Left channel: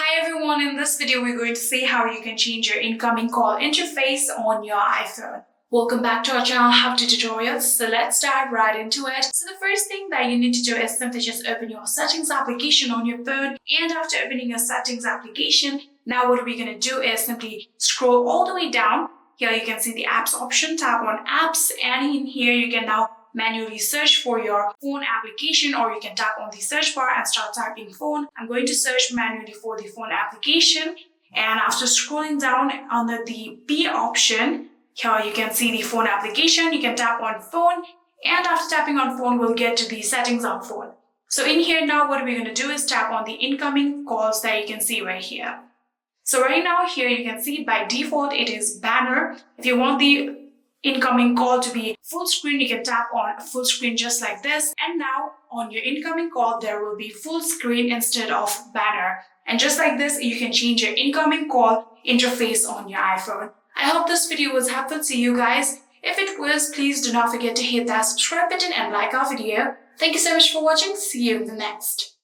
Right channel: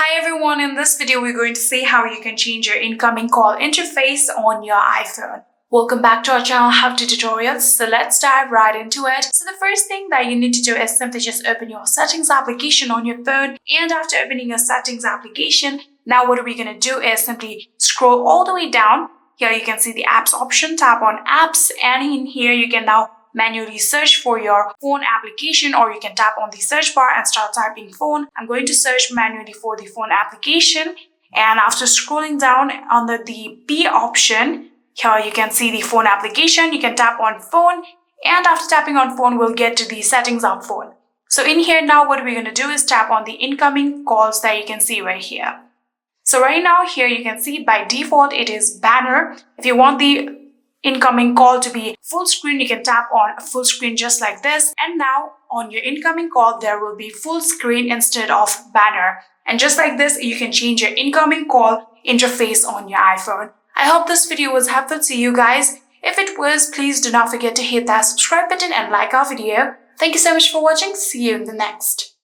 Hi everyone, in this video we're going to see how you can change your incoming call interface on your iPhone. Welcome back to our channel How to Tutorials. So let's dive right into it. So the first thing that you need to do is simply just open your settings application on your phone, and after opening your settings application, now what we're going to do is simply scroll all the way down. Here you can see the apps option, tap on apps, and in here you can now manually search for your phone application, or you can tap on the search bar and start typing phone. I'm going to search manually for the phone application, and after scrolling down under the B option, here you can see the phone application. You can tap on phone, and after tapping on phone, we'll get to the settings of phone. So in here now what we're going to do is tap on the incoming calls that you can see right here. So right now here you can see by default it is banner. If you want the incoming call to be full screen, you can tap on full screen just like this, and now on your incoming call there will be full screen instead of banner. And just like this you can change your incoming call interface on your iPhone. I hope this video was helpful to you guys. If it was, please do not forget to hit that subscribe button and like our video. Thank you so much for watching. See you in the next.